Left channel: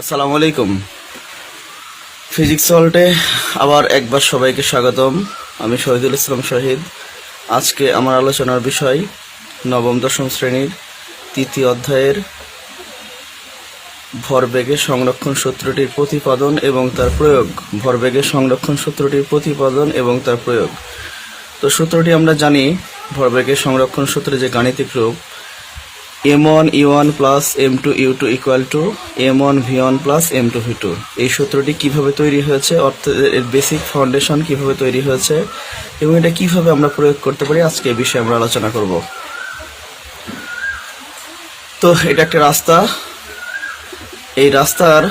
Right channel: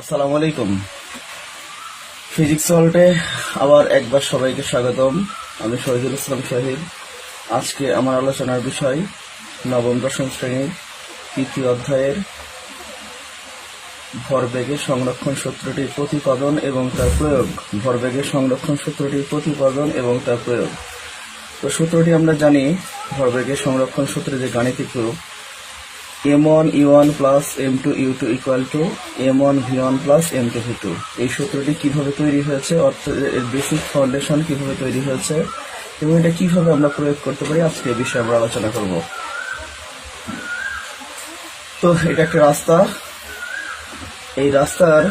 আসসালামু আলাইকুম। ফিজিক্স ওয়ার্ল্ডে আবার একবার সবাইকে স্বাগতম। আমি শহীদুল ইসলাম শাহিদ। আজকে আমার আলোচনার বিষয় নবম দশম শ্রেণীর তৃতীয় অধ্যায়ের ভরবেগের সংরক্ষণ সূত্রটির প্রতিপাদন এবং তার প্রয়োগ। ভরবেগের সংরক্ষণ সূত্রটির প্রতিপাদন এবং তার প্রয়োগ। তো সূত্রটি আমরা জানি, ভরবেগের সংরক্ষণ সূত্রে যে গাণিতিক রূপ m1 u1 plus m2 u2 equal to m1 v1 plus m2 v2। এই সূত্রটি কিভাবে তৈরি হয়েছে, অর্থাৎ এর বেসিক ফাউন্ডেশন কিভাবে তৈরি হয়েছে এবং এটা কিভাবে আমরা প্রয়োগ করতে পারি, আজকে এই বিষয়ে আমরা আলোচনা করব। তো এটা একটা রাস্তা। এই রাস্তার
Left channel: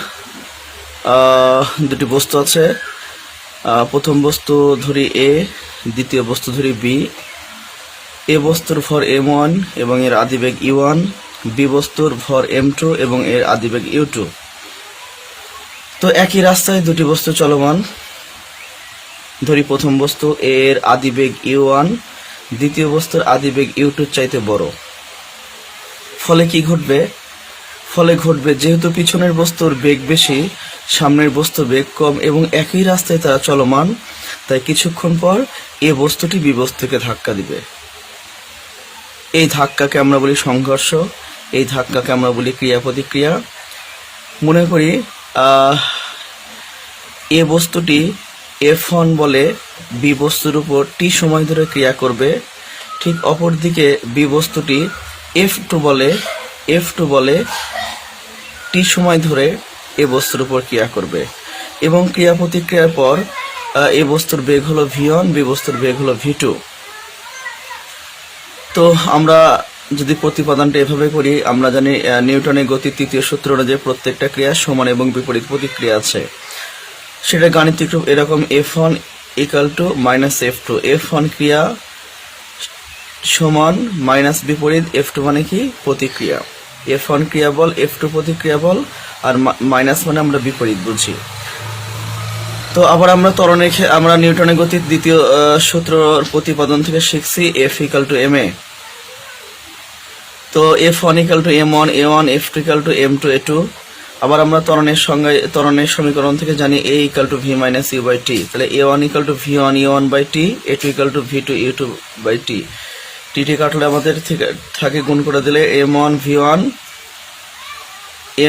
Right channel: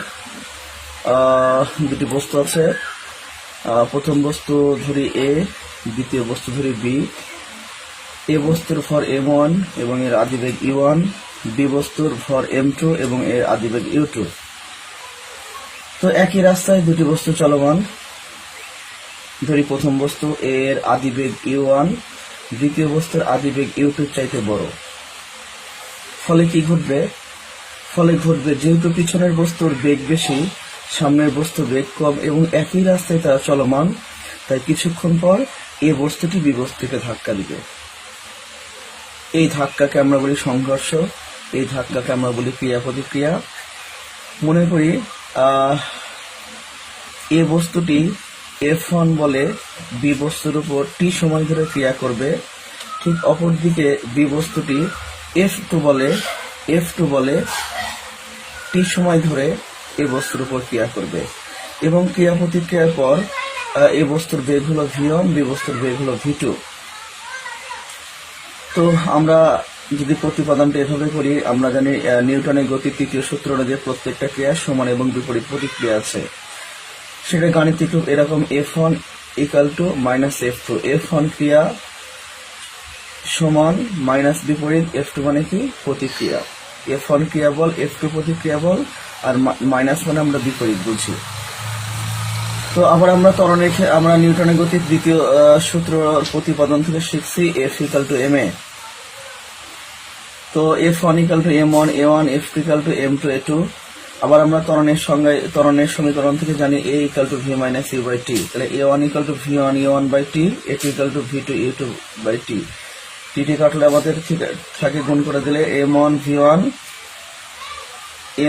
দুটি বস্তু আছে। প্রথম বস্তু ধরি a, দ্বিতীয় বস্তু ধরি b। এ বস্তুর ভর m1 এবং এর আদিবেগ u1, বি বস্তুর ভর m2 এবং এর আদিবেগ u2। তো একই রাস্তায় দুটি বস্তু চলমান। ধরি প্রথম বস্তু এর আদিবেগ u1, দ্বিতীয় বস্তুর আদিবেগ u2 চাইতে বড়। ফলে কি ঘটবে? ফলে ঘটবে যেহেতু পিছনের বস্তুর বেগ বেশি, সামনের বস্তুর বেগ কম এবং একই রাস্তায় তারা চলমান, তাই কিছুক্ষণ পর এ বস্তুটি বি বস্তুকে ধাক্কা দিবে। এই ধাক্কাকে আমরা বলি সংঘর্ষ, এই ধাক্কাকে আমরা বলি ক্রিয়া প্রতিক্রিয়া। মনে করি এ বস্তুটি F1 বলে বি বস্তুর উপর টি সময় ধরে ক্রিয়া করবে, ঠিক অপরদিকে বি বস্তুটি F2 বলে টি সময় ধরে এ বস্তুর উপর ক্রিয়া করবে এবং ক্রিয়া প্রতিক্রিয়ার পর এ বস্তুর বেগ হলো v1, বি বস্তুর বেগ হলো v2। তো আমরা যদি প্রতিপাদনটা এভাবে করি, আমরা জানি নিউটনের গতির তৃতীয় সূত্র অনুযায়ী প্রত্যেকটা ক্রিয়া সমান এবং বিপরীত প্রতিক্রিয়া আছে। সেটা গাণিতিক রূপ এরকম, F1 equal to minus F2। F1 ক্রিয়া সমান মাইনাস বিপরীত F2 মানে কি? প্রতিক্রিয়া। F1 ক্রিয়া বল, F2 প্রতিক্রিয়া বল, আর মাইনাস মানে আমরা বিপরীত বুঝি। তো আবার আমরা নিউটনের গতির দ্বিতীয় সূত্রর প্রতিপাদন থেকে শিখছি F ইকুয়াল টু ma। তো F1 equal to m1 a1, F2 equal to m2 a2। আবার আমরা ত্বরণের সমীকরণ থেকে জানি a equal to v minus u by t। তাহলে a1 equal to v1 u1 by t, a2 equal to v2 u2 by t। T কাটলে আমাদের থাকে গুণ করে দিলে m1 v1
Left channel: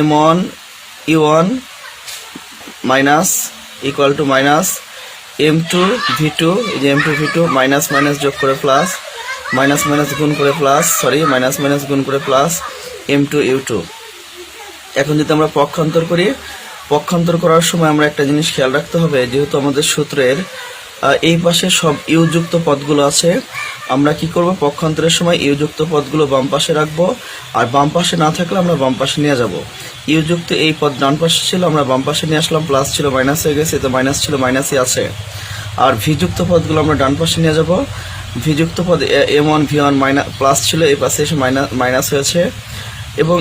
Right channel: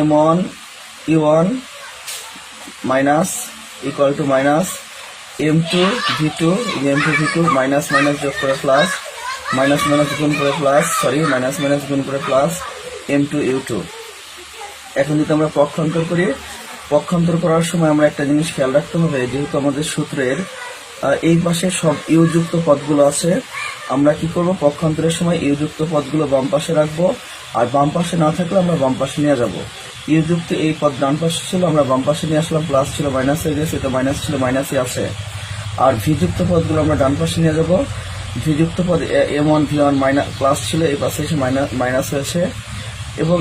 m1 u1 minus equal to minus m2 v2, এই যে m2 v2 minus minus যোগ করে প্লাস, মাইনাস মাইনাস গুণ করে প্লাস, মাইনাস মাইনাস গুণ করে প্লাস m2 u2। এখন যদি আমরা পক্ষান্তর করি, পক্ষান্তর করার সময় আমরা একটা জিনিস খেয়াল রাখতে হবে, যেহেতু আমাদের সূত্রের এই পাশে সব ইউ যুক্ত পদগুলো আছে, আমরা কি করব? পক্ষান্তরের সময় ইউ যুক্ত পদগুলো বাম পাশে রাখবো, আর বাম পাশে না থাকলে আমরা বাম পাশে নিয়ে যাব। ইউ যুক্ত এই পদ ডান পাশে ছিল, আমরা বাম পাশে নিয়ে আসলাম, প্লাস ছিল মাইনাস হয়ে গেছে, তো মাইনাস ছিল মাইনাসই আছে। আর ভি যুক্ত পদগুলো আমরা ডান পাশে নিয়ে যাব। ভি যুক্ত পদ m1 v1 মাইনাস প্লাস ছিল, এই পাশে এসে মাইনাস হয়েছে এবং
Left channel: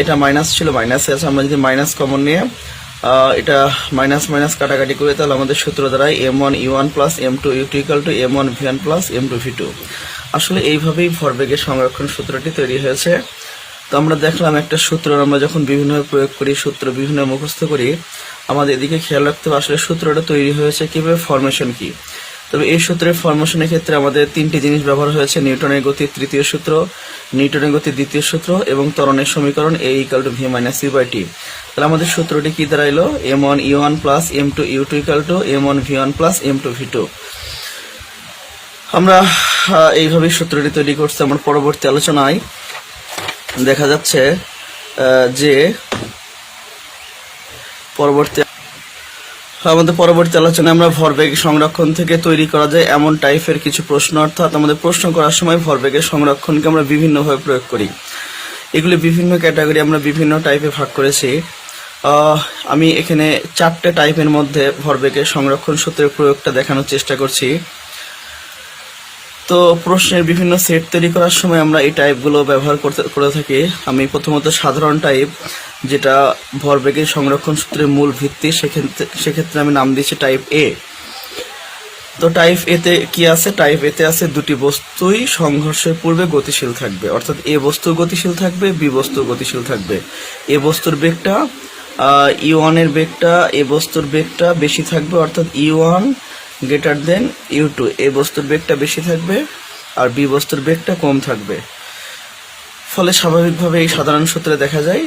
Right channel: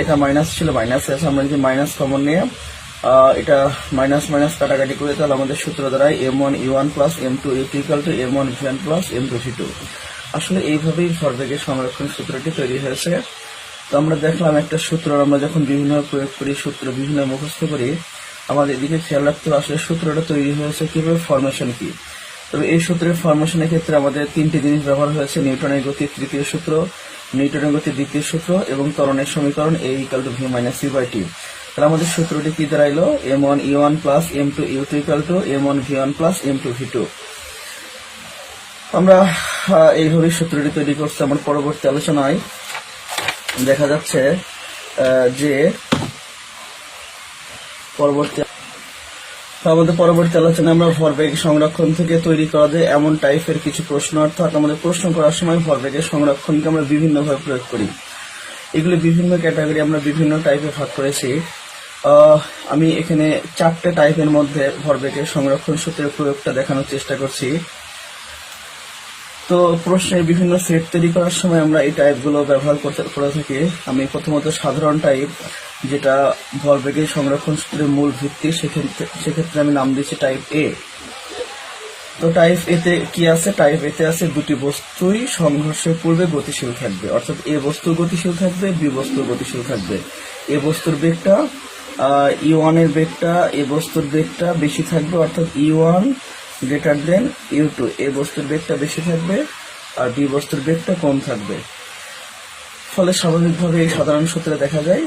এটা মাইনাস ছিল মাইনাসে আছে। আমরা যদি মাইনাস কমন নিয়ে এটা মাইনাস মাইনাস কাটাকাটি করে, তাহলে আমাদের সূত্র দ্বারাই m1 u1 plus m2 u2 equal to m1 v1 plus m2 v2। আসলে এইভাবেই ভরবেগের সংরক্ষণ সূত্রটি তৈরি হয়েছে। তো আমরা দেখলাম একটা সূত্র আমরা যখন বিভিন্নভাবে প্রয়োগ করি, সূত্র বিভিন্ন মুখস্থ করি, আমাদের এদিকে খেয়াল রাখতে হবে আসলে সূত্রটা তৈরি হয়েছে কিভাবে, ফরমেশন কি। তবে এই সূত্রের ফরমেশনের ক্ষেত্রে আমাদের তিনটি জিনিস ব্যবহার হয়েছে: নিউটনের গতির তৃতীয় সূত্র, নিউটনের গতির দ্বিতীয় সূত্র এবং ত্বরণের সমীকরণ a equal to v minus u by t। তাহলে আমাদের সূত্রটি কি দাঁড়াইলো? m1 u1 plus m2 u2 equal to m1 v1 plus m2 v2। আমরা এইভাবেই সূত্রটি তৈরি করছি। আমার পরবর্তী আলোচনায় দেখা যাচ্ছে যে আমাদের পরবর্তী আলোচনায় আমরা ভরবেগ সংরক্ষণ থেকে তৈরি করা যায় এমন টাইপের কিছু প্রশ্ন, অর্থাৎ আমাদের প্রশ্ন করার সময় ভরবেগের সংরক্ষণকে আমরা বিভিন্নভাবে প্রয়োগ করি। এগুলি বিভিন্ন ক্যাটাগরি আমরা বিভিন্ন টাইপে ভাগ করেছি। আমি এখানে 4টে টাইপের মধ্যে ভরবেগের সংরক্ষণ সূত্রের প্রয়োগটা দেখানোর চেষ্টা করছি। তো প্রশ্নের বিভিন্ন সেট তৈরি করার সময় আমরা এই টাইপগুলো ব্যবহার করে থাকি। আমি প্রথমত সাধারণ টাইপ, যেটা ভরবেগের সংরক্ষণ সূত্রের মূল ভিত্তি, সেক্ষেত্রে আমি নাম দিচ্ছি টাইপ এ। তো টাইপ এতে কি আছে? টাইপ এতে আছে দুটি বস্তুই সংঘর্ষের পূর্বে গতিশীল থাকবে, অর্থাৎ এ বস্তু গতিশীল থাকবে, বি বস্তু গতিশীল থাকবে। এ বস্তুর বেগটা ইউ ওয়ানের বেগটা এ বস্তুর বেগটা বেশি থাকবে, অর্থাৎ U one greater than U two, এ বস্তুর বেগটা বেশি থাকবে আর বি বস্তুর বেগটা কম থাকবে। ফলে স্বাভাবিকভাবে এই সাধারণ সূত্রে দেখা যায়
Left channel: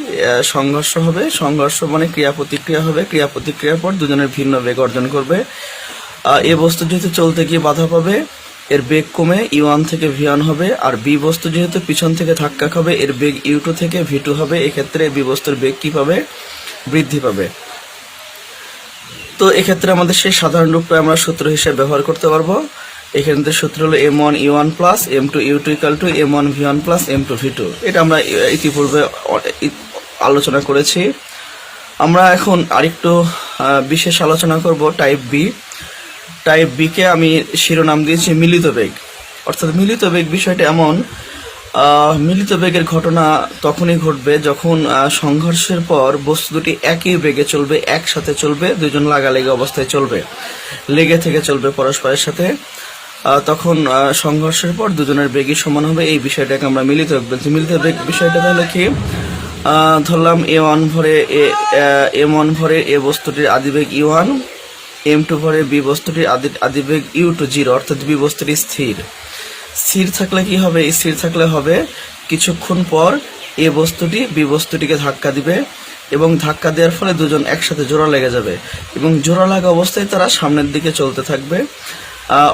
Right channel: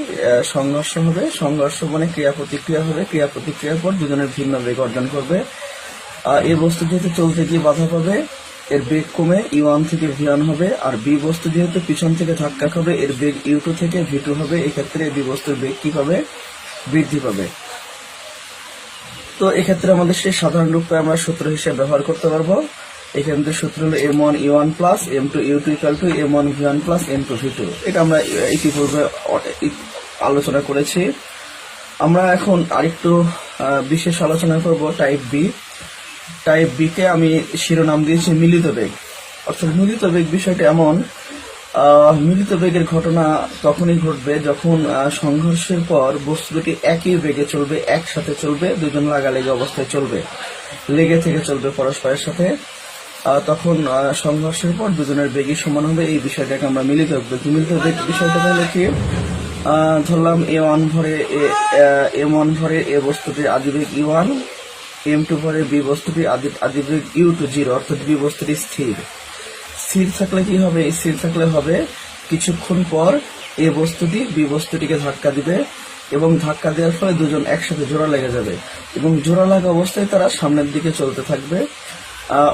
সংঘর্ষ হবে। সংঘর্ষ মানে ক্রিয়া প্রতিক্রিয়া হবে, ক্রিয়া প্রতিক্রিয়ার পর দুজনের ভিন্ন বেগ অর্জন করবে। এ বস্তু যেহেতু চলতে গিয়ে বাধা পাবে, এর বেগ কমে ইউ ওয়ান থেকে ভি ওয়ান হবে, আর বি বস্তু যেহেতু পিছন থেকে ধাক্কা খাবে, এর বেগ ইউ টু থেকে ভি টু হবে। এক্ষেত্রে বি বস্তুর বেগ কি পাবে? বৃদ্ধি পাবে। তো এক্ষেত্রে আমাদের সেই সাধারণ রূপটা আমরা সূত্র হিসেবে ব্যবহার করতে পারবো। এখানে সূত্র হলো m1 u1 plus m2 u2 equal to m1 v1 plus m2 v2। এটা আমরা ইতিপূর্বে আলোচনা করেছি। আমরা এখন আরেকটু বিশেষ আলোচনা করব টাইপ বি। টাইপ বি কে আমি শিরোনাম দিয়েছি মিলিত বেগ। অর্থাৎ মিলিত বেগ বিষয়টা এমন, মিলিত বেগের ঘটনা তখনই ঘটবে যখন সংঘর্ষের পর বস্তু দুটি একই বেগে চলবে, একসাথে চলবে, দুজন লাগালেগে অবস্থায় চলবে, লেগে থেকে চলবে পরস্পরের সাথে। তখন সংঘর্ষের পর দুজনের বেগই সমান হবে। এই বিষয়টাকে আমরা মিলিত বেগ বলছি। মিলিত বেগ বিষয়টা তাহলে কি? ধরলাম m1 ভরে এ বস্তুটির আদিবেগ u1, m2 ভরে বি বস্তুটির আদিবেগ u2 0, অর্থাৎ বি বস্তুটি স্থির। স্থির থাকলে কি হবে? স্থির থাকলে হবে কিছুক্ষণ পর এ বস্তুটি বি বস্তুটিকে ধাক্কা দিবে এবং ধাক্কা দেওয়ার ফলে দুজন একসাথে জোড়া লেগে যাবে এবং জোড়া লাগা অবস্থায় তারা সামনের দিকে চলতে থাকবে।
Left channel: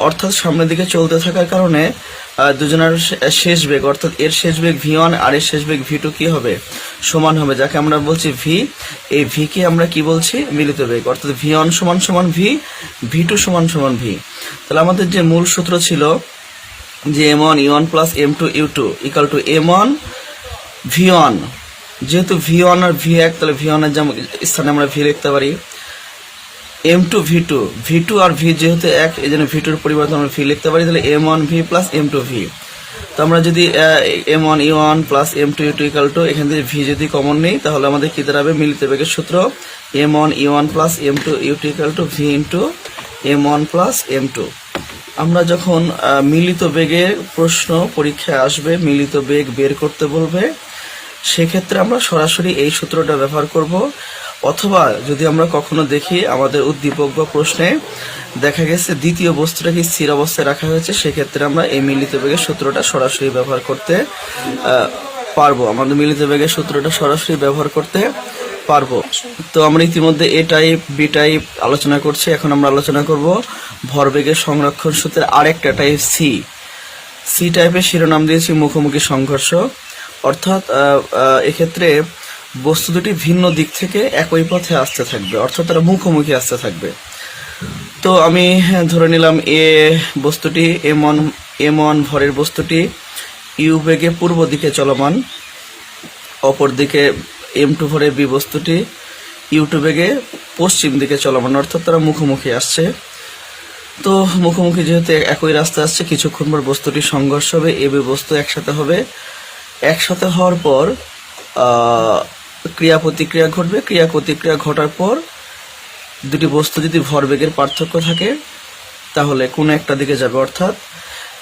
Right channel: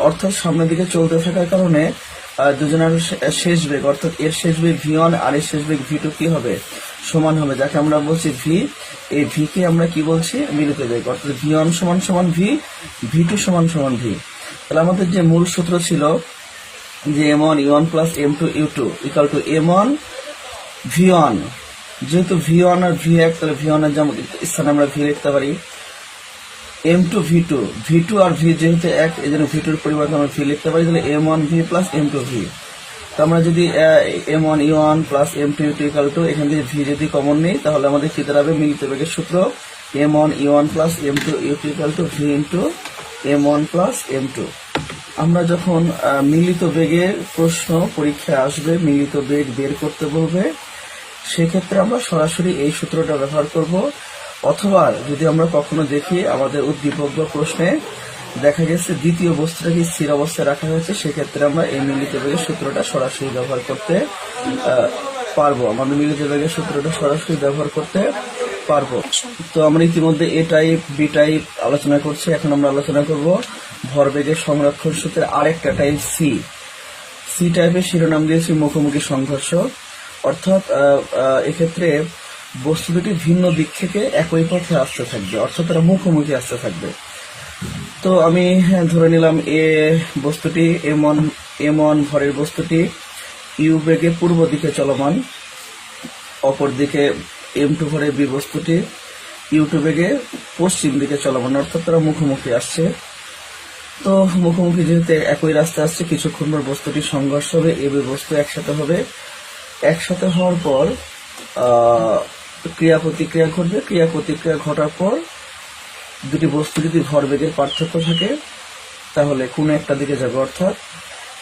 অর্থাৎ সামনের দিকে চলতে থাকার কারণে দুজনের শেষ বেগ, অর্থাৎ এর শেষ বেগ v1 আর এর শেষ বেগ v2 কি হবে? সমান হবে, যাকে আমরা বলছি ভি। এই ভি কে আমরা কি বলছি? মিলিত বেগ। অর্থাৎ v1 সমান সমান ভি, v2 সমান সমান ভি। তাহলে আমাদের যে মূল সূত্র ছিল যে m1 u1 plus m2 u2 equal to m1 v1, যেহেতু v1 আর v1, তাহলে v1 এর স্থানে আমরা v লিখতে পারি। m2 v2 আর v যেহেতু এক, এই জন্য v2 এর পরিবর্তে আমরা v লিখতে পারি। তাহলে m1 v plus m2 v। তো আমরা যদি m1 u1 plus m2 u2 equal two এখান থেকে v যদি কমন নেই, তাহলে আমাদের কি দাঁড়াবে? মিলিত বেগের সূত্র m1 u1 plus m2 u2 equal to v into m1 plus m2। আমরা যখন মিলিত বেগের প্রশ্ন পরীক্ষায় আসবে, মিলিত বেগ বের করতে বলবে, সেক্ষেত্রে আমরা সরাসরি এই সূত্রটা ব্যবহার করব। অথবা যদি আমরা কখনো দেখি আমাদের উদ্দীপক বা প্রশ্নে দেখা গেছে দ্বিতীয় বস্তুটাকে স্থির অবস্থায় রাখা হয়েছে, সেক্ষেত্রে আমরা এই মিলিত বেগের সূত্রটা সরাসরি ব্যবহার করতে পারবো। আমাদের মিলিত বেগের সূত্রটা সরাসরি ব্যবহার করতে পারবো। তো আমরা ইতিমধ্যে এ টাইপ বি টাইপ আলোচনা করছি। এখন আমরা আলোচনা করব ভরবেগের সংরক্ষণ সূত্রের আরেকটা টাইপ সি টাইপের শিরোনাম দিয়েছি মুখোমুখি সংঘর্ষ। অর্থাৎ এক্ষেত্রে বস্তু দুটি ভিন্ন দিক থেকে একই পথে আসতে থাকবে, অর্থাৎ তারা মুখোমুখি আসতে থাকবে। তো আমি ধরে নিলাম এ বস্তুটি m1 ভরের বস্তুটি ইউ বেগে পূর্ব দিকে চলমান, অপরদিকে m2 ভরের বি বস্তুটি u2 বেগে পশ্চিম দিকে চলমান, অর্থাৎ তারা মুখোমুখি আসছে। তো মুখোমুখি যেহেতু একই রাস্তা আসছে, কিছুক্ষণ পর বস্তুটি সংঘর্ষ হবে, এ বি বস্তু একসাথে হবে। একসাথে হওয়ার পর ক্রিয়া প্রতিক্রিয়া ঘটবে। ক্রিয়া প্রতিক্রিয়া ঘটার পর দুটি বস্তু যদি ভরবেগের পার্থক্য থাকে, তাহলে কোনো একটা দিকে যাবে। অর্থাৎ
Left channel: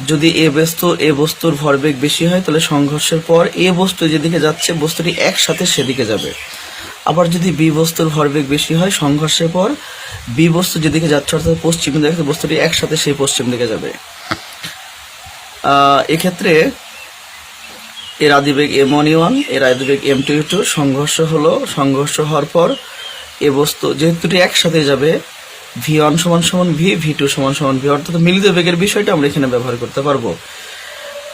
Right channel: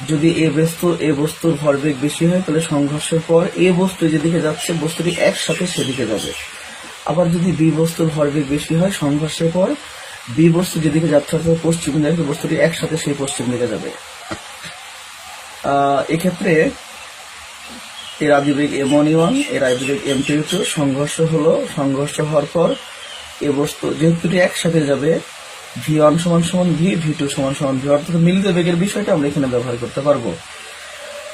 যদি এ বস্তুর ভরবেগ বেশি হয়, তাহলে সংঘর্ষের পর এ বস্তু যেদিকে যাচ্ছে বস্তুটি একসাথে সেদিকে যাবে। আবার যদি বি বস্তুর ভরবেগ বেশি হয়, সংঘর্ষের পর বি বস্তু যেদিকে যাচ্ছে অর্থাৎ পশ্চিম দিকে, বস্তুটি একসাথে সেই পশ্চিম দিকে যাবে। এক্ষেত্রে এর আদিবেগ m1 u1, এর আদিবেগ m2 u2। সংঘর্ষ হওয়ার পর এ বস্তু যেহেতু একসাথে যাবে, v1 সমান সমান v, v2 সমান সমান v, অর্থাৎ মিলিত বেগের বিষয়টা আমরা এখানে ব্যবহার করতে পারবো।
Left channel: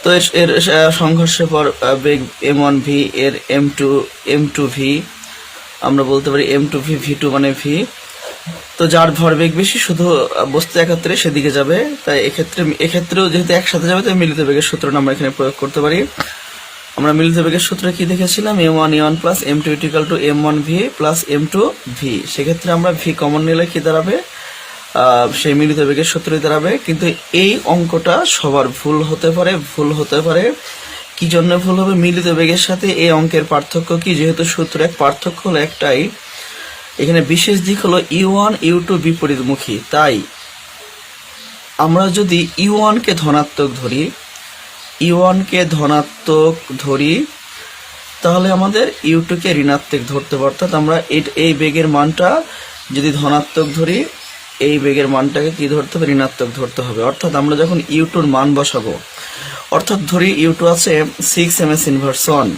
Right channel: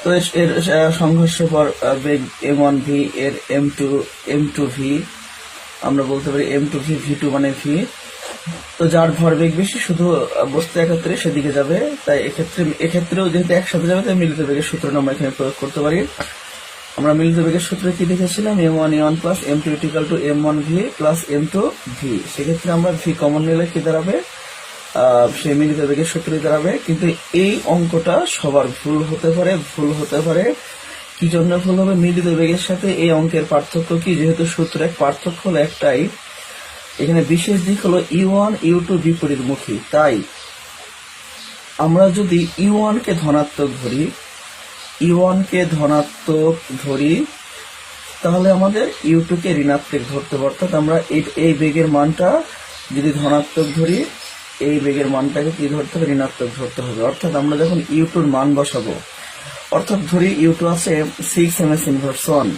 তো এর সংঘর্ষের পর বেগ m1 v, এর m2 v, আমরা বলতে পারি m2 v, v2 মানে v। তো যার ভরবেগ বেশি শুধু বস্তু একত্রে সেদিকে যাবে। তাই এক্ষেত্রেও যেহেতু একসাথে যাবে, তাই মিলিত বেগের সূত্রটা আমরা এখানে প্রয়োগ করতে পারি। আমরা মিলিত বেগের সূত্রে কি দেখেছিলাম? m1 u1 plus m2 equal to m1 v plus m2 v। সেক্ষেত্রে আমরা v কমন নিলে কি দাঁড়াবে? সেই মিলিত বেগের সূত্রই দাঁড়াবে। কিন্তু এই অঙ্কটা সবার ভুল হতে পারে। কি জন্য ভুল হবে? মিলিত বেগের সাথে এই অঙ্কের পার্থক্য কি? যেহেতু সূত্রের পার্থক্য হলো একটাই, এখানে বিশেষ দিক হলো u1 u2 বিপরীতমুখী। তাই আমরা যদি u1 কে ধনাত্মক ধরি, তাহলে আমাদের ইউ2 কে ঋণাত্মক ধরতে হবে। অর্থাৎ আমরা এই বেগের মানটা যদি ধনাত্মক ধরি, এই বেগের মানটাকে কি ধরতে হবে? ঋণাত্মক ধরতে হবে। অর্থাৎ আমরা যখন ইউ2 এর মান বসাবো, অর্থাৎ ধরি ইউ2 আছে 6 ms ইনভার্স 1,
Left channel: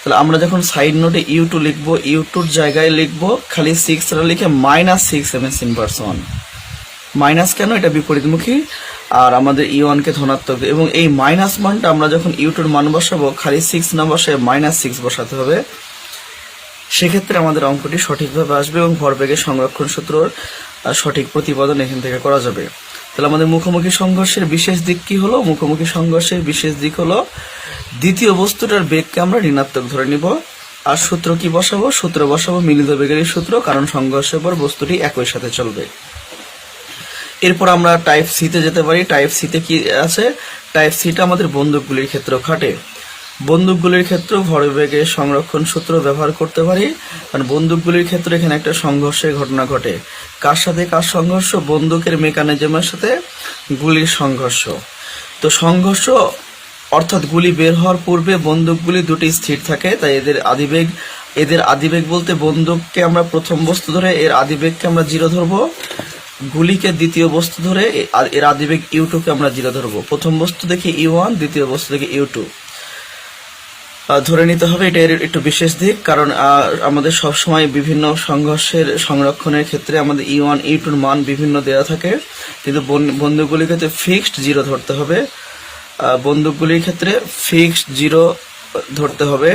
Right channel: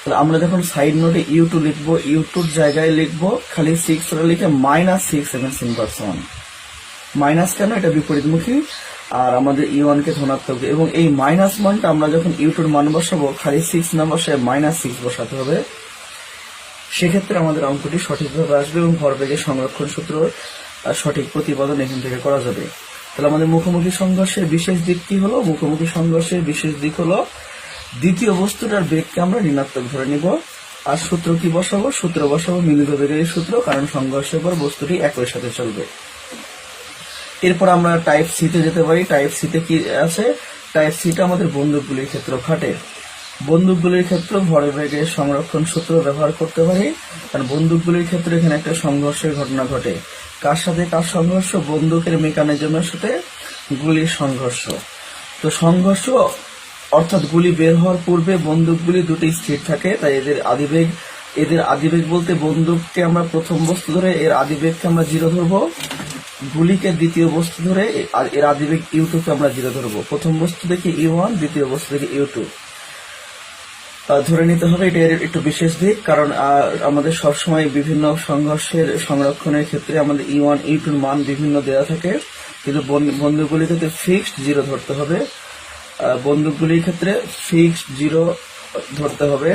তাহলে আমরা যখন সাইড নোটে ইউ2 লিখবো, ইউ2 জায়গায় লিখবো খালি 6 লিখে -6 ms ইনভার্স 1। মাইনাস কেন? এটা বিপরীতমুখী, আর আমাদের ইউ1 কে ধনাত্মক, এবং এই মাইনাস মানটা আমরা যখন ইউ2 এর মান বসাবো খালি 6 না বসে -6 বসাতে হবে। সেক্ষেত্রে আমাদের অঙ্কটি সঠিকভাবে আসবে এবং ভরবেগের সংরক্ষণ সূত্রর সঠিক প্রতিপাদন এখান থেকে করা যাবে। তাহলে আমাদের মুখোমুখি সংঘর্ষের বিশেষ দিক কি হলো? মুখোমুখি সংঘর্ষের বিশেষ দিক হলো দ্বিতীয় বস্তুটার বেগকে আমরা ঋণাত্মক ধরে নিব, আর সূত্র কি বসাবো? সূত্র বসাবো মিলিত বেগের সূত্র, কারণ সংঘর্ষের পর বস্তুটি একই সাথে চলবে। এরপর আমরা টাইপ সি তে যেতে পারি। টাইপ সি তে কি আছে? টাইপ সিটা আমাদের বন্দুকগুলির ক্ষেত্রে খাটে। বন্দুকগুলির ক্ষেত্রে ভরবেগের সংরক্ষণ সূত্র ব্যবহার করতে পারি, কারণ বন্দুকগুলির ক্ষেত্রে এখানে একটা সংঘর্ষের ঘটনা ঘটে। কার সাথে কার সংঘর্ষ? বন্দুকের মেকানিজমের সাথে গুলির সংঘর্ষ। তো সংঘর্ষ অর্থাৎ গুলি বের হওয়ার পূর্বে বন্দুকগুলি দুটি স্থির থাকে, তাই এদের আদিবেগ বলতে বন্দুককে আমরা প্রথম বস্তু ধরে এর আদিবেগকে আমরা 0 ধরবো, গুলিকে দ্বিতীয় বস্তু ধরে এর আদিবেগ ইউ2 কে আমরা 0 ধরবো। প্রথম বস্তু দেখি ইউ1, দ্বিতীয় বস্তু দেখি ইউ2 ধরে নিতে হবে। এটা এর একটু বিশেষ দিক, কারণ আমাদের সবসময় বিভিন্ন সংঘর্ষের সংরক্ষণের ক্ষেত্রে আমাদের ইউ1 ইউ2 এর মান বিভিন্ন দেওয়া থাকে, কিন্তু বন্দুকগুলির ক্ষেত্রে ফিক্সড 0 ধরতে হবে। বন্দুকগুলির ক্ষেত্রে ফিক্সড 0 ধরতে হবে,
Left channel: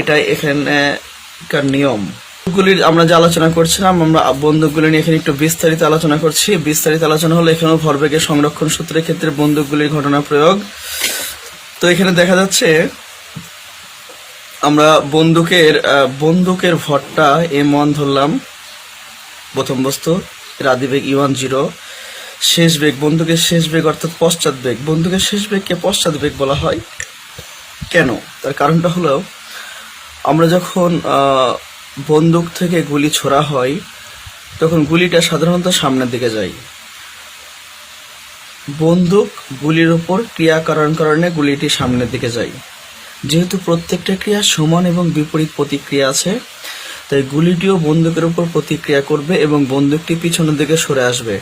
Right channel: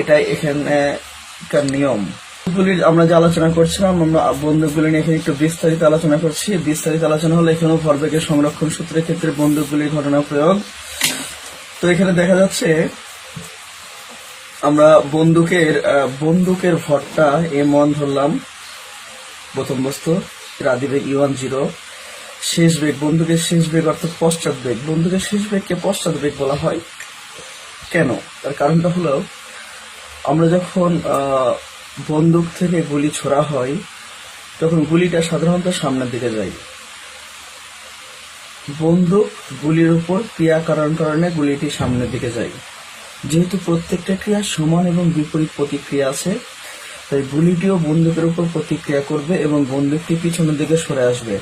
এটাই এখানকার নিয়ম। বন্দুকগুলির আমরা যে আলোচনা করছিলাম, আমরা বন্দুকগুলি নিয়ে এখানে একটু বিস্তারিত আলোচনা করছি। বিস্তারিত আলোচনা হলো এখানেও ভরবেগের সংরক্ষণ সূত্রের ক্ষেত্রে বন্দুকগুলির ঘটনা প্রয়োগ। তো এখানে দেখা যাচ্ছে আমরা বন্দুকের ভরটা m1 ধরলাম, প্রথম বস্তু, এর আদিবেগ ইউ1 0, শেষ বেগ বন্দুকের শেষ বেগ অর্থাৎ পশ্চাৎ বেগ। বন্দুকের শেষ বেগকে পশ্চাৎ বেগ বলা হয় কেন? তার কারণটা হলো আমরা যখন বন্দুক থেকে গুলি ছোড়া হয় তখন গুলিটা সাধারণত সামনের দিকে যায়। বন্দুক গুলির উপর ক্রিয়া কারণে গুলিটি সামনের দিকে যায়। যেহেতু প্রত্যেকটা ক্রিয়া সমান এবং বিপরীত প্রতিক্রিয়া আছে, তাই গুলিটিও বন্দুকের উপর প্রতিক্রিয়া করবে এবং বন্দুকটি পিছনের দিকে সরে আসবে।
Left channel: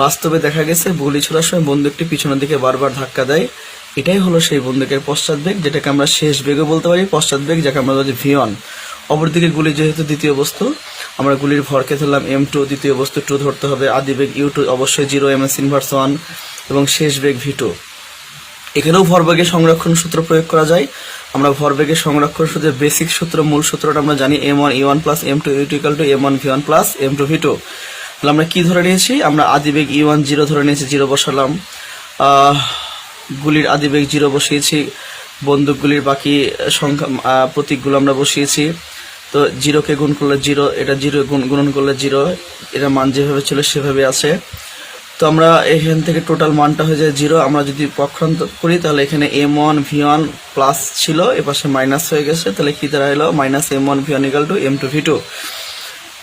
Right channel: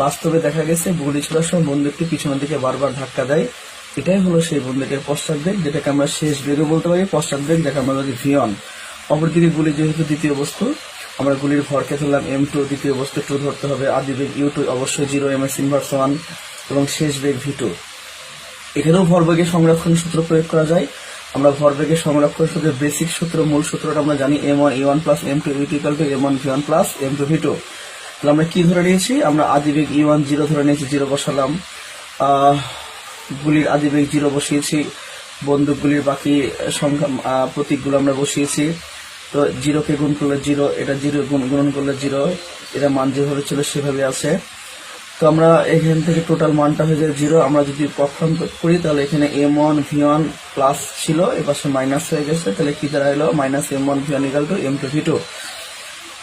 বাস্তবে দেখা গেছে গুলি ছোড়ার সময় বন্দুকটি পিছনের দিকে বারবার ধাক্কা দেয়। এটাই হলো সেই বন্দুকের পশ্চাৎ বেগ, যেটাকে আমরা শেষ বেগও বলতে পারি, পশ্চাৎ বেগ, যাকে আমরা বলি v1। অপরদিকে গুলি যেহেতু দ্বিতীয় বস্তু, আমরা গুলির ভরকে ধরলাম m2, দ্বিতীয় বস্তু 2 ধরতে হবে, আদিবেগ u2 অবশ্যই 0 ms ইনভার্স 1 এবং শেষ বেগ v2। এখানেও ভরবেগের সংরক্ষণ সূত্র প্রয়োগ করা যায়। আমরা ভরবেগের সংরক্ষণ সূত্রের বেসিক সূত্র, মূল সূত্রটা আমরা জানি, m1 e1 plus m2 u2 equal to m1 v1 plus m2 v2। তাহলে আমরা কি ধরে নিয়েছি? আমরা আদিবেগ e1 0 ধরে নিয়েছি, 0 বসালাম, গুলির আদিবেগ 0 বসিয়েছি, বন্দুকগুলির বাকি সংখ্যা প্রতীকগুলো আমরা বসিয়েছি। তো 0 কে গুণ করলে 0, এটা 0 গুণন করলে 0, এটা মান যেভাবে ছিল সেভাবে আছে। তো আমরা এখান থেকে টোটাল মানটা হয়ে যায় 0। আমরা যদি পক্ষান্তর করি তাহলে এখানে m1 v1 প্লাস ছিল, এপাশে মাইনাস হয়ে গেছে, তাহলে কি দাঁড়ালো? -m1 v1 equal to m2 v2।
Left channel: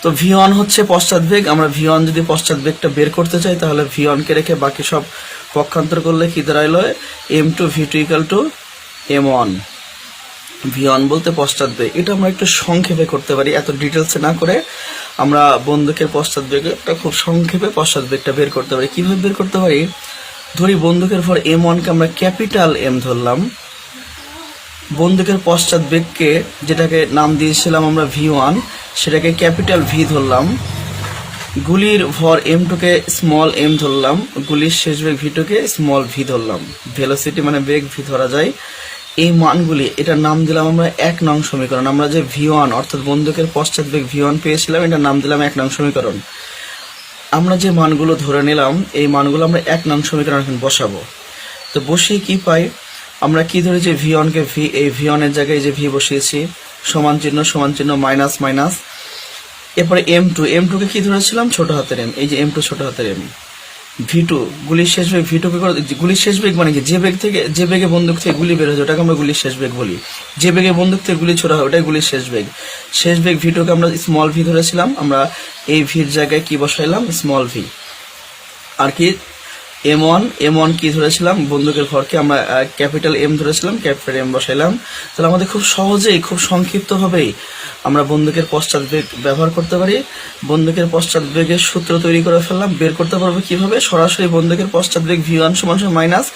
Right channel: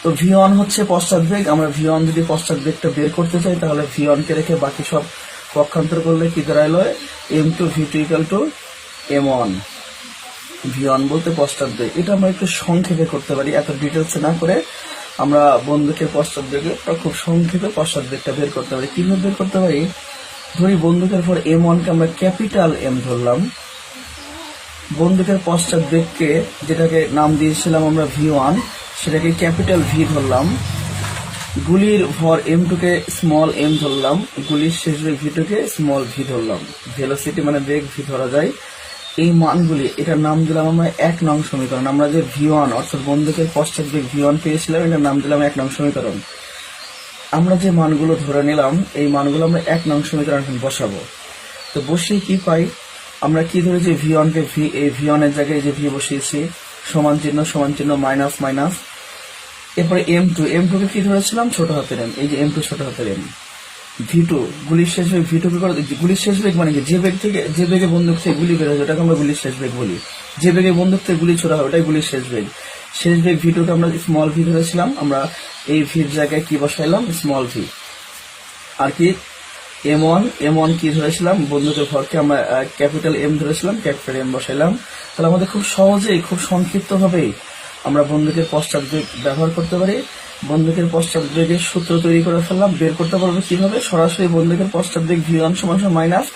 তো v1 হচ্ছে পশ্চাৎ বেগ। আমরা v1 যদি পশ্চাৎ বেগটা বের করতে চাই তাহলে v1 কে রেখে বাকি সব পক্ষান্তর করলে কি দাঁড়াইলো? m2 v2 equal to m1। v1 বলতে পশ্চাৎ বেগ। এটা আমরা একটু সংক্ষেপে করতে পারি, এত ডিটেলসে না করে আমরা বন্দুকের পশ্চাৎ বেগটা খুব সংক্ষেপে পশ্চাৎ বেগটা বের করতে পারি। কিভাবে বের করতে পারি? ধরি বন্দুকের ভর m1 কে আমরা ক্যাপিটাল M ধরলাম, বন্দুকের পশ্চাৎ বেগকে যেটাকে নাম দিয়েছিলাম আমরা v1, সেটাকে ক্যাপিটাল V ধরলাম, গুলির ভর m2 কে স্মল m ধরলাম, গুলির শেষ বেগ v2 কে স্মল v ধরলাম। ভেলোসিটি মানে বেগ v ধরা যায়। এই মানগুলি, এটার নাম দিলাম আমরা 1 নং সমীকরণ। আমরা যে v1 অর্থাৎ বন্দুকের পশ্চাৎ বেগ v1 পেয়েছিলাম, এটার নাম দিলাম 1 নং সমীকরণ। আমরা যে মানগুলো ধরে নিলাম, এই মানগুলো আমরা 1 নং সমীকরণ এখন বসাবো। তো বসিয়ে কি পাই? আমরা কি ধরে যে v1 কে v, এই v1 এর জায়গায় যে v বসিয়েছি, সমান চিহ্ন মাইনাস মাইনাস। এরপরে m2 কে কি ধরেছিলাম? ছোট হাতের m, এই যে m2 ছোট হাতের m। v2 গুলির শেষ বেগ v2 কে করে, গুলির শেষ বেগ মানে কি? যে বেগে বন্দুক থেকে গুলি বের হয় ওটাকে আমরা গুলির শেষ বেগ বলি। যে বেগে বন্দুক থেকে গুলি ছোড়া হয় ওটাই গুলির শেষ বেগ। শেষ বেগ v2 কে আমরা স্মল v ধরেছিলাম, আমরা এই v এর জায়গায় কি বসাইলাম? Small v। আর কি এম ওয়ান কি ধরেছিলাম, বন্দুকের ভরকে আমরা ক্যাপিটাল এম ধরেছিলাম, ক্যাপিটাল এম বসাইলাম। তাহলে আমাদের খুব সহজেই, খুব সংক্ষিপ্তভাবেই আমরা বন্দুকের পশ্চাৎ বেগ ব্যবহার করতে পারি। বন্দুকের পশ্চাৎ বেগের সূত্র তৈরি করে ফেললাম। বের করতে পারবো কিভাবে? সরাসরি বন্দুকের পশ্চাৎ বেগ v1 = মাইনাস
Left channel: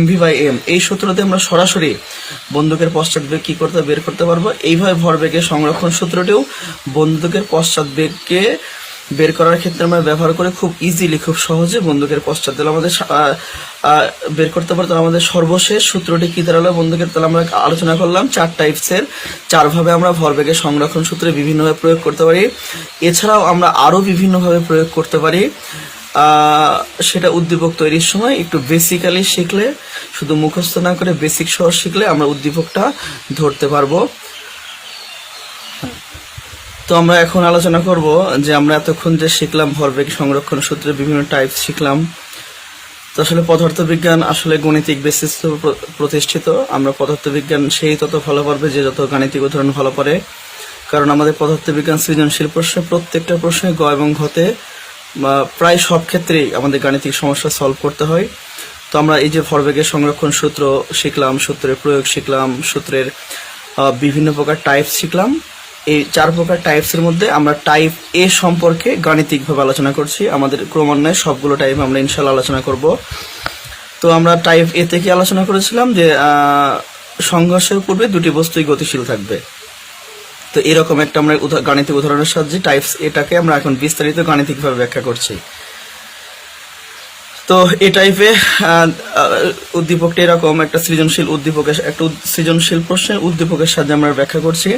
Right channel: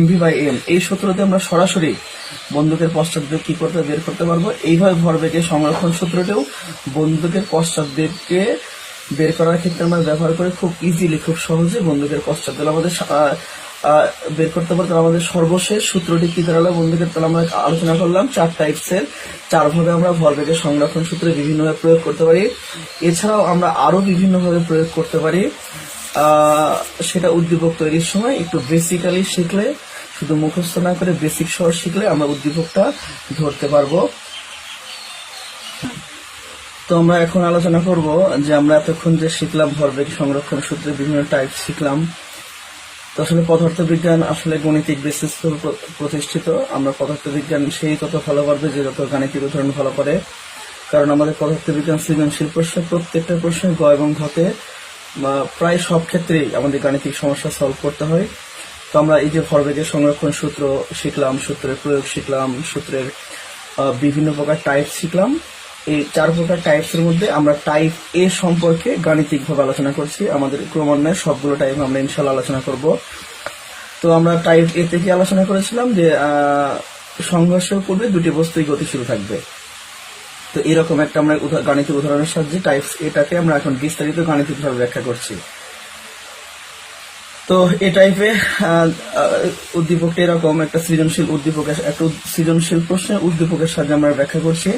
mv/m, এই সূত্রতে আমরা সরাসরি বন্দুকের পশ্চাৎ বেগ কি করতে বের করতে পারবো। এইভাবে ভরবেগের সংরক্ষণ সূত্রটিও বন্দুকের পশ্চাৎ বেগকে বের করার ক্ষেত্রে আমরা ব্যবহার করে খুব ইজিলি, খুব সহজে বন্দুকের পশ্চাৎ তাহলে আমাদের বের করতে পারি। তাহলে আমাদের সর্বশেষ সূত্রটি কি দাঁড়ালো বন্দুকের? তাহলে আমরা আলোচনা করলাম 4 টাইপসের, 4 ভাবে আমরা ভরবেগের সংরক্ষণ সূত্রে বিভিন্নভাবে প্রয়োগ করতে পারি। এছাড়াও আমরা আরো বিভিন্নভাবে প্রয়োগ করতে পারি। সেটা উদ্দীপক তৈরির সময় একটু বেসিক্যালি শিখলে, শুধু মুখস্থ না করে বেসিক সহ শিখলে আমরা উদ্দীপকটা ধরতে পারবো। তো আমরা এখন আলোচনা করব যে আমরা এতক্ষণ যে শিখলাম ভরবেগ সংরক্ষণ সূত্রের বিভিন্ন টাইপ শিখলাম। তো আসলে পদার্থবিজ্ঞান আসলে গাণিতিক বেসিস প্রতিষ্ঠিত। আমরা পদার্থবিজ্ঞান সেই তত ভালো পারবে যে যত গাণিতিক উদাহরণ ভালো পারে, কারণ আমাদের পদার্থবিজ্ঞান সৃজনশীল প্রশ্নে প্রত্যেকটা প্রশ্নে গ এবং ঘতে প্রায় সব ক্ষেত্রেই আমাদের গাণিতিক সমস্যা সলভ করতে হয়। তো আমরা এই যে ভরবেগের সংরক্ষণ সূত্র শিখলাম, সূত্রের প্রয়োগ শিখলাম, সূত্রের বিভিন্ন প্রকার টাইপ শিখলাম। এই 4 প্রকার টাইপসের মধ্যে আমরা টাইপ এ সম্পর্কে গাণিতিকভাবে আলোচনা করছি। আমাদের ক্রমান্বয়ে সবগুলো টাইপ আমরা ইনশাআল্লাহ আলোচনা করব। তো আমরা টাইপ এ থেকে আলোচনা করেছিলাম যে সংঘর্ষের পূর্বে দুটি বস্তুই গতিশীল থাকবে। তো এরকম একটা আমরা গাণিতিক উদাহরণের সাহায্যে টাইপস এটাকে আমরা এখন বিস্তারিত গাণিতিকভাবে ব্যাখ্যা করছি। তো এই টাইপে উদ্দীপকটি এরকম একটা সৃজনশীল উদ্দীপকের, একটা সৃজনশীল প্রশ্নের উদ্দীপকের সাহায্যে আমরা ব্যাখ্যা করছি।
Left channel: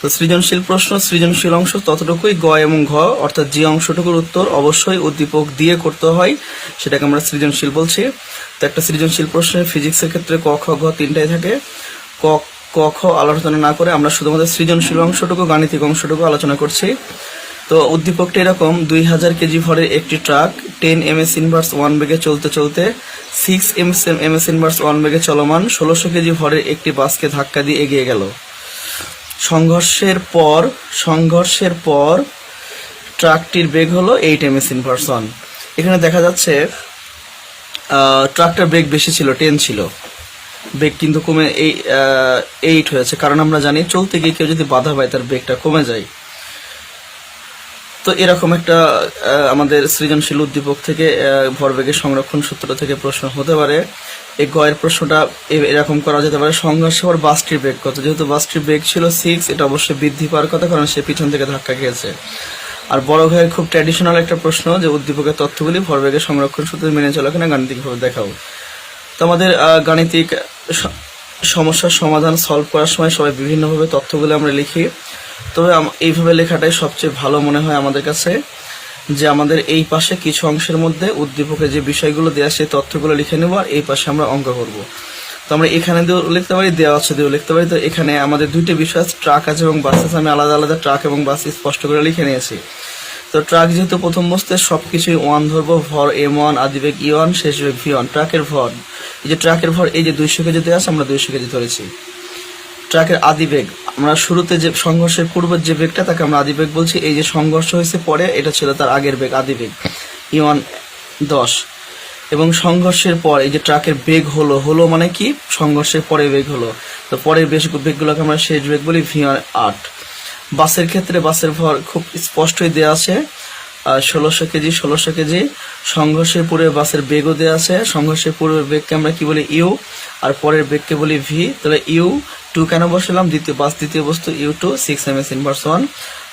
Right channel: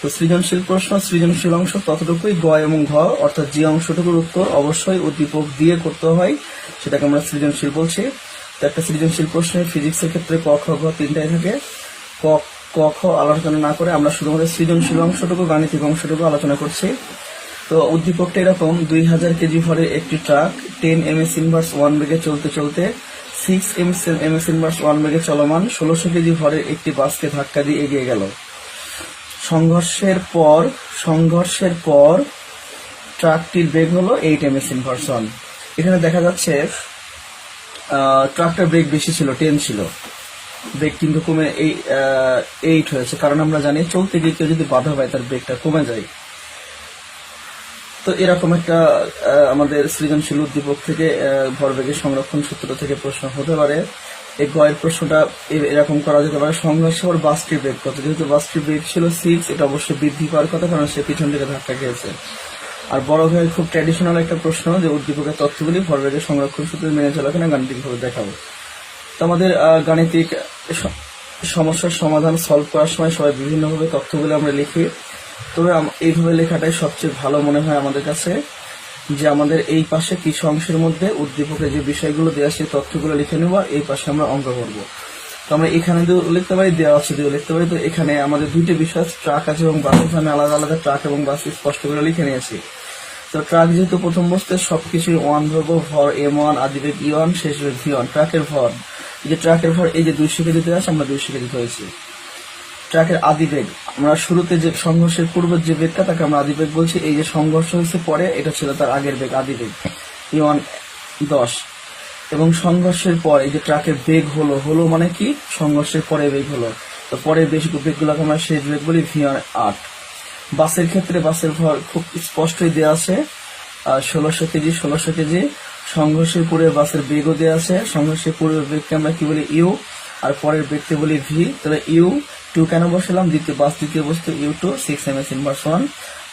তো সৃজনশীল প্রশ্ন, সৃজনশীল অংশ ততটুকুই গ এবং ঘ, অর্থাৎ যে অংশটুকুর উত্তর অবশ্যই উদ্দীপক দিয়ে করতে হয় সেটাকে আমরা সৃজনশীল বলছি। তো একটা সৃজনশীল প্রশ্নের ফিজিক্সের ক্ষেত্রে ক, খ, ঘ তিনটাই থাকে। ক, খ আলোচনা না করে আমরা শুধুমাত্র সৃজনশীল অংশটুকু, গাণিতিক অংশটুকু আলোচনা করছি। তো উদ্দীপকটা এরকম: 2000 কেজি ভরের একটি ট্রাক 10 ms ইনভার্স 1 বেগে চলতে চলতে 6 ms ইনভার্স 1 বেগে চলমান 1600 কেজি ভরের একটি বাসকে ধাক্কা দিয়ে এগিয়ে গেল। সংঘর্ষের পর ট্রাকটির বেগ হলো 8 ms ইনভার্স 1। এখানে দেখা যাচ্ছে ট্রাকটার বেগ বেশি ছিল, 10 ছিল, বেগ কিন্তু কমে 8 হয়েছে। কারণ আমরা জানি চলতে গিয়ে কেউ যদি বাধা পায় তার বেগটা কমে যায়। তো এরকম একটা আমাদের সৃজনশীল উদ্দীপক থেকে ভরবেগের সংরক্ষণ সূত্র থেকে প্রশ্ন হতে পারে। এই গয়ের প্রশ্নটা এরকম করা যেতে পারে: সংঘর্ষের পর বাসটির বেগ কত? যেহেতু বাসটির বেগ ছিল 6, এটা অবশ্যই বৃদ্ধি পাওয়ার কথা, কারণ সে পিছন থেকে ধাক্কা খেয়েছে। আর বড় ভাইয়ের খুব ট্র্যাডিশনাল একটা প্রশ্ন যে উদ্দীপকের তথ্যগুলি ভরবেগের সংরক্ষণ সূত্রে মেনে চলা কিনা গাণিতিকভাবে দেখাবো। তো আমাদের গাণিতিক সমস্যার সমাধান সলভ করার সময় সবাই বিভিন্নভাবে তথ্যগুলো আমরা লিখি। তবে এইভাবে লেখাটাই সবচেয়ে ভালো মনে হয় আমাদের কাছে, যে আমাদের এই পাশে কিছু অংশের মধ্যে উদ্দীপকের যে বিষয়গুলো দেওয়া সেই তথ্যগুলো লিখে নেব, আর এই পাশে আমরা অঙ্ক করব। তো আমরা এখানে দিয়েও লিখতে পারি, দেওয়া আছে দিয়েও লিখতে পারি। তো এখানে আমাদের দুইটা বিষয় আছে, ট্রাক আছে এবং বাস আছে। আমি আলাদা আলাদা ট্রাক এবং বাস স্পষ্ট করে লিখে নিয়েছি। তো ট্রাক যেহেতু প্রথম বস্তুতে সবকিছুই 1 ধরবো, ভর m1, আদিবেগ e1, শেষ বেগ v1। ট্রাকের ভর, এই যে ট্রাকের ভর এই যে 200 কেজি দেওয়া আছে, আমরা 200 কেজি ধরেছি। ট্রাকের আদিবেগ, আমরা শুরুতে যে সংঘর্ষের পূর্বের যে বেগটা তাকে আমরা আদিবেগ বলছি। এই যে সংঘর্ষ হয়েছে পরে, এটা ছিল তার আগের বেগ, আদিবেগ e1 10। এবং সংঘর্ষের পর এই যে ট্রাকের বেগ হলো মানে কি? সংঘর্ষের পরে বেগ হলো। তো পরের বেগগুলোকে আমরা শেষ বেগ বলি v1 8। বাসের ক্ষেত্রে বাসের ভর খুব স্পষ্টই দেওয়া আছে, 1600 কেজি। সংঘর্ষের পূর্বে বাসের বেগও দেওয়া আছে। সংঘর্ষের পূর্বের বেগকে আমরা কি বলি? ইউ, আর পরের বেগকে বলি ভি। তাহলে u2 কেন বসালাম? দ্বিতীয় বস্তু u2, 6 ms ইনভার্স 1।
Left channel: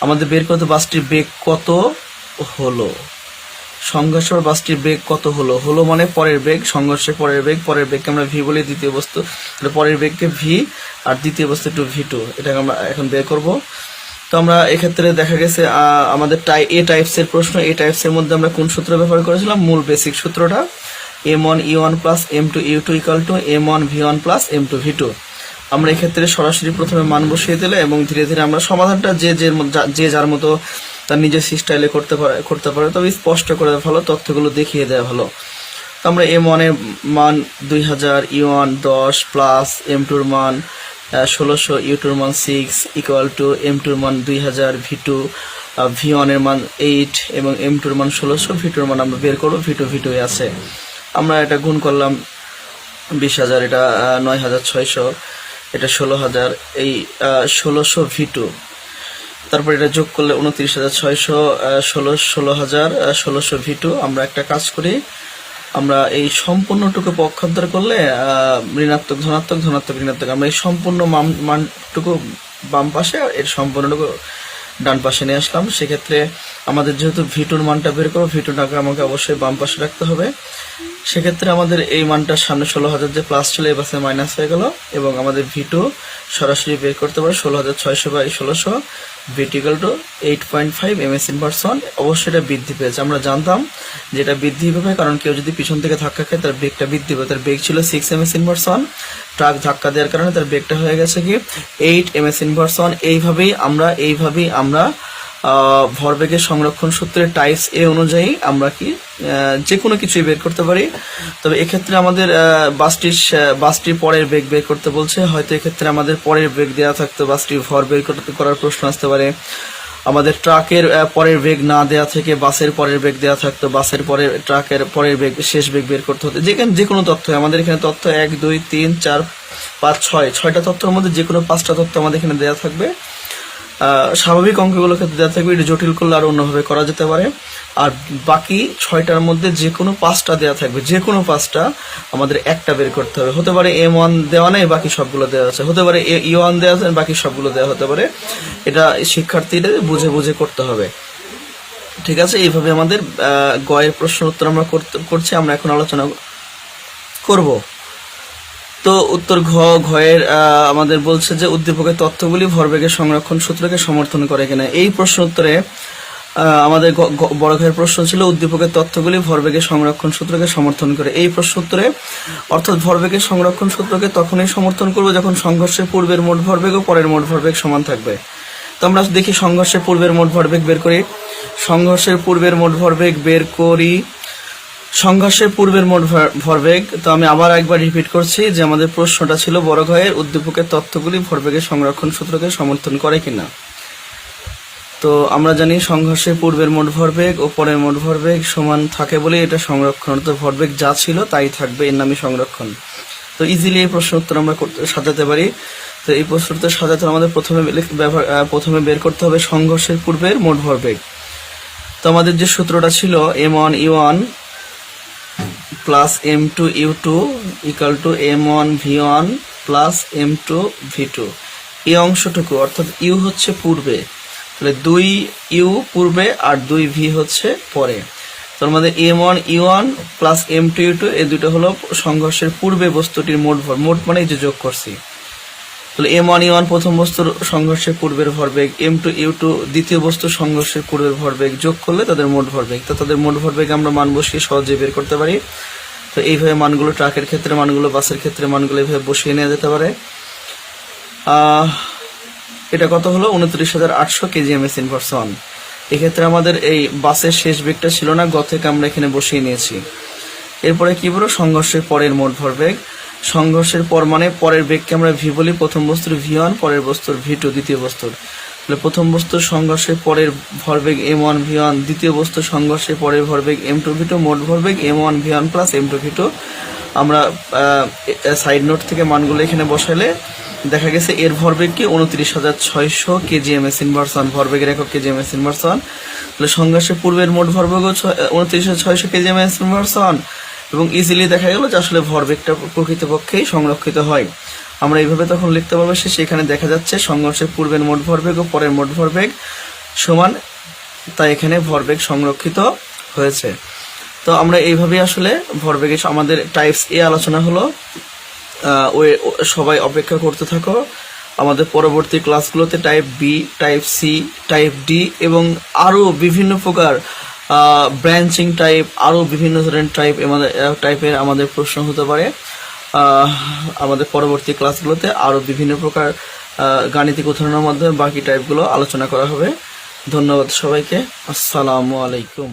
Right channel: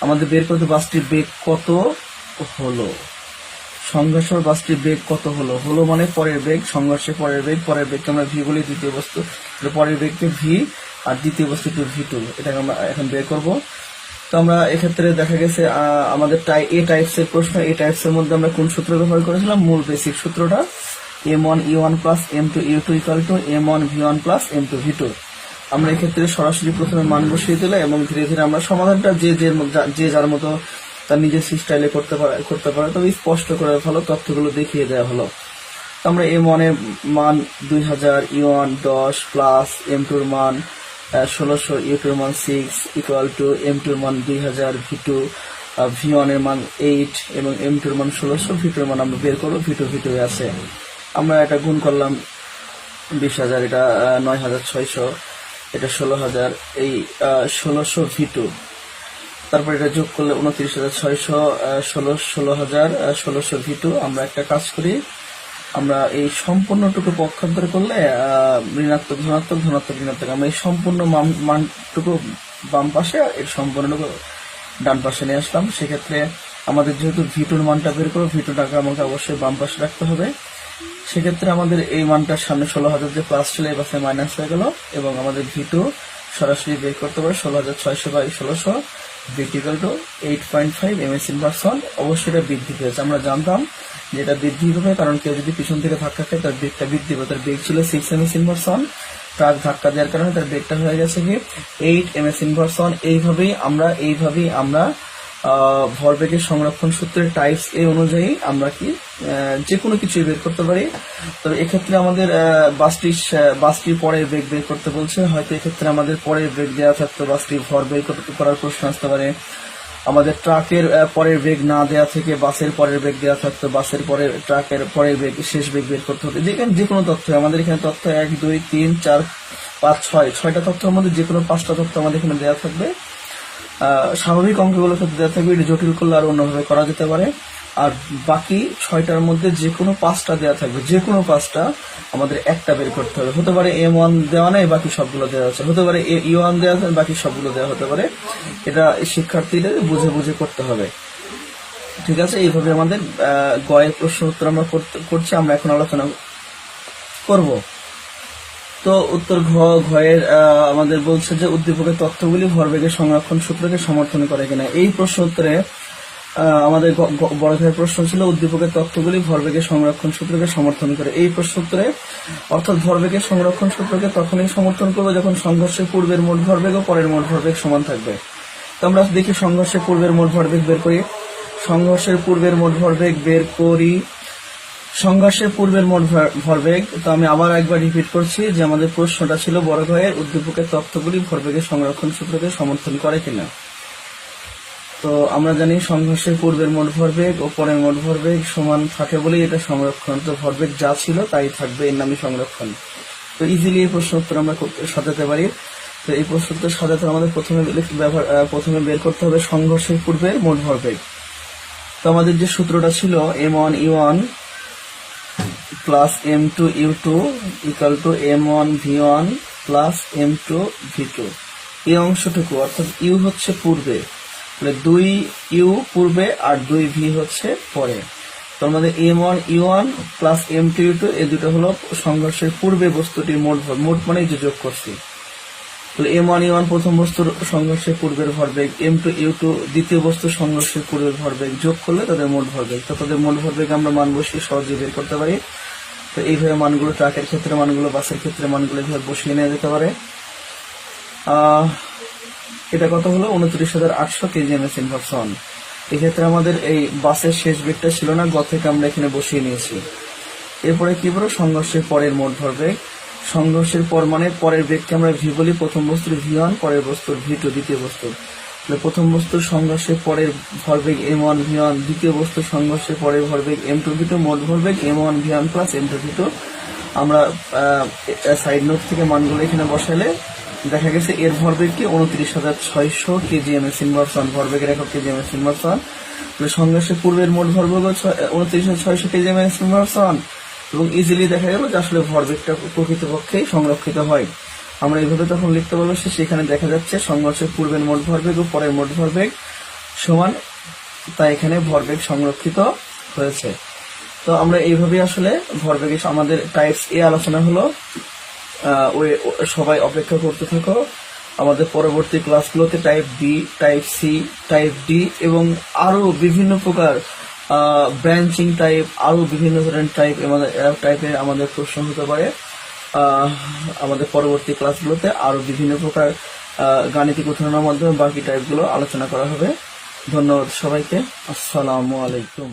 আমাদের বের করতে বাসটির বেগ কত হলো। সংঘর্ষের বাসটির বেগ কত হলো মানে পরের বেগ, সংঘর্ষের পরের বেগকে আমরা ভি বলি, দ্বিতীয় বস্তু। পরের বেগকে ভি আর দ্বিতীয় বস্তু v2, এটাকে আমরা এখন বের করব। তো আমরা এক্ষেত্রে দেখা গেছে আমাদের এ টাইপসের প্রশ্ন, এই টাইপসের মধ্যে আমরা কোন সূত্র ব্যবহার করেছিলাম? মূল বেসিক সূত্রটা, m1 e1 plus m2 u2 equal to m1 v1 plus m2 v2। আমরা এক্ষেত্রে সরাসরি প্রথমে মান বসিয়ে দিলে এবং ধীরে ধীরে আমরা সমাধানটা যে যার মতো তার নিজের স্টাইলে করতে পারে, তবে স্পষ্ট করে ভালো, তথ্যগুলো দেখিয়ে দেওয়া ভালো। তো আমরা m1 এর মান 2000, e1 10 প্লাস m2 এর মান 1600, u2 এর মান 6 ইকুয়াল টু m2 এর মান 2000, v2 v1 এর মান 8 এবং m2 এর মান 1600, v2 এর মান আমরা বের করব, v2 আছে। আমরা এটা গুণ করলাম 20,000, এটা 9,600, এটা 16,000, এই 1600 V2, তারপর এটা যোগ করলে 29,600, 16,000, 1600 V2। আমরা একটা কাজ করি, আমরা এই সম্পূর্ণটুকু পক্ষান্তর করলে ঋণাত্মক ধনাত্মক ধনাত্মক ঋণাত্মক, আমরা এই সম্পূর্ণ মানটুকু বাম পাশে আর এর সম্পূর্ণটুকু ডান পাশে নিয়ে আসলাম। সেক্ষেত্রে আমাদের যেহেতু V2-র মানটা বের করবো, V2টাকে আমাকে অবশ্যই বাম পাশে রাখতে হবে। সেক্ষেত্রে আমাদের এই মানটার সামনে 16,000 যে প্লাস ছিল এই পাশে মাইনাস হয়ে গেল, এবং আমাদের V2 সরাসরি বের করতে পারে 16,600/1600 V2 8.5 ms/1। অবশ্যই এটা বৃদ্ধি পেয়েছে, আমরা জানতাম যে এটা বৃদ্ধি পাবে, কারণ কেউ যদি পিছন থেকে ধাক্কা খায় তার বেগটা বৃদ্ধি পাবে। তার বেগ ছিল 6 ms/1, ট্রাক ধাক্কা দেওয়ার কারণে তার বেগটা হয়ে গেছে কি 8 ms/1। এইভাবেই আমরা ভরবেগের সংরক্ষণ সূত্রের টাইপস এ অনুযায়ী আমরা কি যে কোনো কিছুই বের করতে পারি। তবে এক্ষেত্রে আমাদের বাসটির পরের বেগ বের করতে বলছে, হয়তো এক্ষেত্রে আমাদের পরের বেগ দেওয়া থাকতো, বাসটির ভর বের করার প্রশ্ন আসতে পারে। আমাদের ট্রাকের পরের বেগ না দেওয়া থেকে বাসের পরের বেগ দেওয়া থাকতো, বাসের পরের ট্রাকের পরের বেগ শেষ বেগ বের করতে হতো। যে কোনো তথ্য, আমাদের এখানে তথ্য 1 2 3 4 5 6টা তথ্যের মধ্যে যে কোনো 5টা তথ্য আমাদের এখানে দেওয়া থাকবে। স্বাভাবিক অঙ্কগুলোর ক্ষেত্রে দেওয়া থাকবে, এটা জটিল করলে আরো অন্যভাবে করা যেতে পারে। আর বাকি 6টার মধ্যে যে কোনো 5টা দেওয়া থাকবে, যে কোনো 5টা আমাদের একটা বের করতে হবে। হতে পারে M1 দেওয়া নেই, বাকি সবগুলো দেওয়া আছে, হতে পারে E1 দেওয়া আছে, বাকি সবগুলো দেওয়া হতে পারে। এটা শিক্ষার্থীদের বুঝে বুঝে করতে হবে, ঠিক আছে? এইভাবে আমাদের গয়ের প্রশ্ন উত্তর আমরা করছি। আমরা এখন আলোচনা করব। তো উত্তর ঘয়ের আমাদের বলছে যে উদ্দীপকের তথ্যগুলি ভরবেগের সংরক্ষণ সূত্রকে সমর্থন করে কিনা। এই প্রশ্ন উত্তরে আমাদের বড় ঘয়ের প্রশ্ন ছিল উদ্দীপকের তথ্যগুলি ভরবেগের সংরক্ষণ সূত্রকে সমর্থন করে। এই প্রশ্ন উত্তরে অর্থাৎ ভরবেগের সংরক্ষণ সূত্রকে তখনই সমর্থন করবো যখন সংঘর্ষের পূর্বের মোট ভরবেগ ও পরের মোট ভরবেগ সমান থাকবে। তো আমরা দেখি সংঘর্ষের পূর্বের মোট ভরবেগ বের করি। সংঘর্ষের পূর্বের মোট ভরবেগ বের করি, সংঘর্ষের পূর্বের মোট ভরবেগ। তো আমি আবার একবার রিপিট করছি যে আমাদের প্রশ্নটা ছিল বড় ঘয়ের উদ্দীপকের তথ্যগুলি ভরবেগের সংরক্ষণ সূত্রকে সমর্থন করে কিনা। তো আমরা জানি সংঘর্ষের পূর্বের মোট ভরবেগ ও পরের মোট ভরবেগ সমান থাকে বলে এটা সংরক্ষণ, তো ভরবেগ যা ছিল তাই থাকবে, এর নামই সংরক্ষণ। তো ইজিলি এই প্রশ্ন উত্তর আমরা সাজাতে পারি। তো এই প্রশ্ন উত্তর সাজাতে আমাদের প্রথমে বের করতে হবে সংঘর্ষের পূর্বের মোট ভরবেগ। তো আমাদের যে সূত্রটা ছিল M1 U1 plus M2 U2 equal to M1 V1 plus M2 V2। এই অংশটুকু অর্থাৎ U হচ্ছে পূর্বে, তাহলে 2 U পূর্বে আর 2 V হচ্ছে পরে। তো আমাদের M1 U1 plus M2 U2 এই দুটো হলো সংঘর্ষের পূর্বে বস্তুটির মোট মানে যে যোগ করছি। তাহলে M1 U1 প্রথম বস্তুর সংঘর্ষের পূর্বের ভরবেগ, M2 U2 দ্বিতীয় বস্তুর সংঘর্ষের পূর্বের ভরবেগ, যোগ করলে তাদের মোট ভরবেগ। তো তাদের মোট ভরবেগ আমরা মান বসিয়ে সহজে বের করতে পারি। তো এইভাবে মানগুলো ট্রাকের ক্ষেত্রে মানগুলো, বাসের ক্ষেত্রে মানগুলো এইভাবে বসিয়ে নেওয়া যেতে পারে। এটা কত হলো 29,800 kgms/1। এক্ষেত্রে আমাদের এই বাসের শেষ বেগটা ছিল না, গ থেকে আমরা এখানে বসিয়ে নিয়েছি। এরপরে কি বলবো সংঘর্ষের পরের মোট ভরবেগ। সংঘর্ষের পর মানে পরের বেগকে আমরা ভি বলি, প্রথম বস্তুর V1, পরের বস্তুর V2 দ্বিতীয় বস্তুর। তাহলে প্রথম বস্তুর সংঘর্ষের পরের ভরবেগ M1 V1, দ্বিতীয় বস্তুর সংঘর্ষের পরের ভরবেগ M2 V2, মোট ভরবেগ M1 V1 plus M2 V2। আমরা সাইড নোট থেকে মানগুলো এখানে বসালে দেখা গেছে এর ভরবেগ কি 29,600 kgms/1, ভরবেগের একক kgms/1। তাহলে সংঘর্ষের পূর্বের মোট ভরবেগ 29,600 kgms/1, এবং ইজিলি দেখা গেল যে আসলে ভরবেগটা প্রকৃতপক্ষেই সংরক্ষিত হয়। আমরা এইভাবে তখন লিখতে পারবো সেখানে দেখা যাচ্ছে সংঘর্ষের পূর্বের মোট ভরবেগ ও পরের মোট ভরবেগ সমান, তাই এখানে ভরবেগ সংরক্ষিত হয়েছে। তো আমরা এইভাবে আসলে ভরবেগের আমাদের টাইপস এ আলোচনা হলো। সবাই অপেক্ষা করতে থাকো আমাদের পরবর্তী ক্লাসগুলোতে type B, type C, type D এবং আরো বিভিন্ন প্রকার ব্রাঞ্চিং টাইপ, আরো বিভিন্ন ধরনের টাইপের আমাদের প্রশ্ন হতে পারে। আমাদের পরবর্তী ক্লাসগুলোতে আরো বিভিন্ন প্রকার গাণিতিক উদাহরণের মাধ্যমে বাকি টাইপগুলো আলোচনা করা হবে। ধন্যবাদ সবাইকে, আসসালামু আলাইকুম।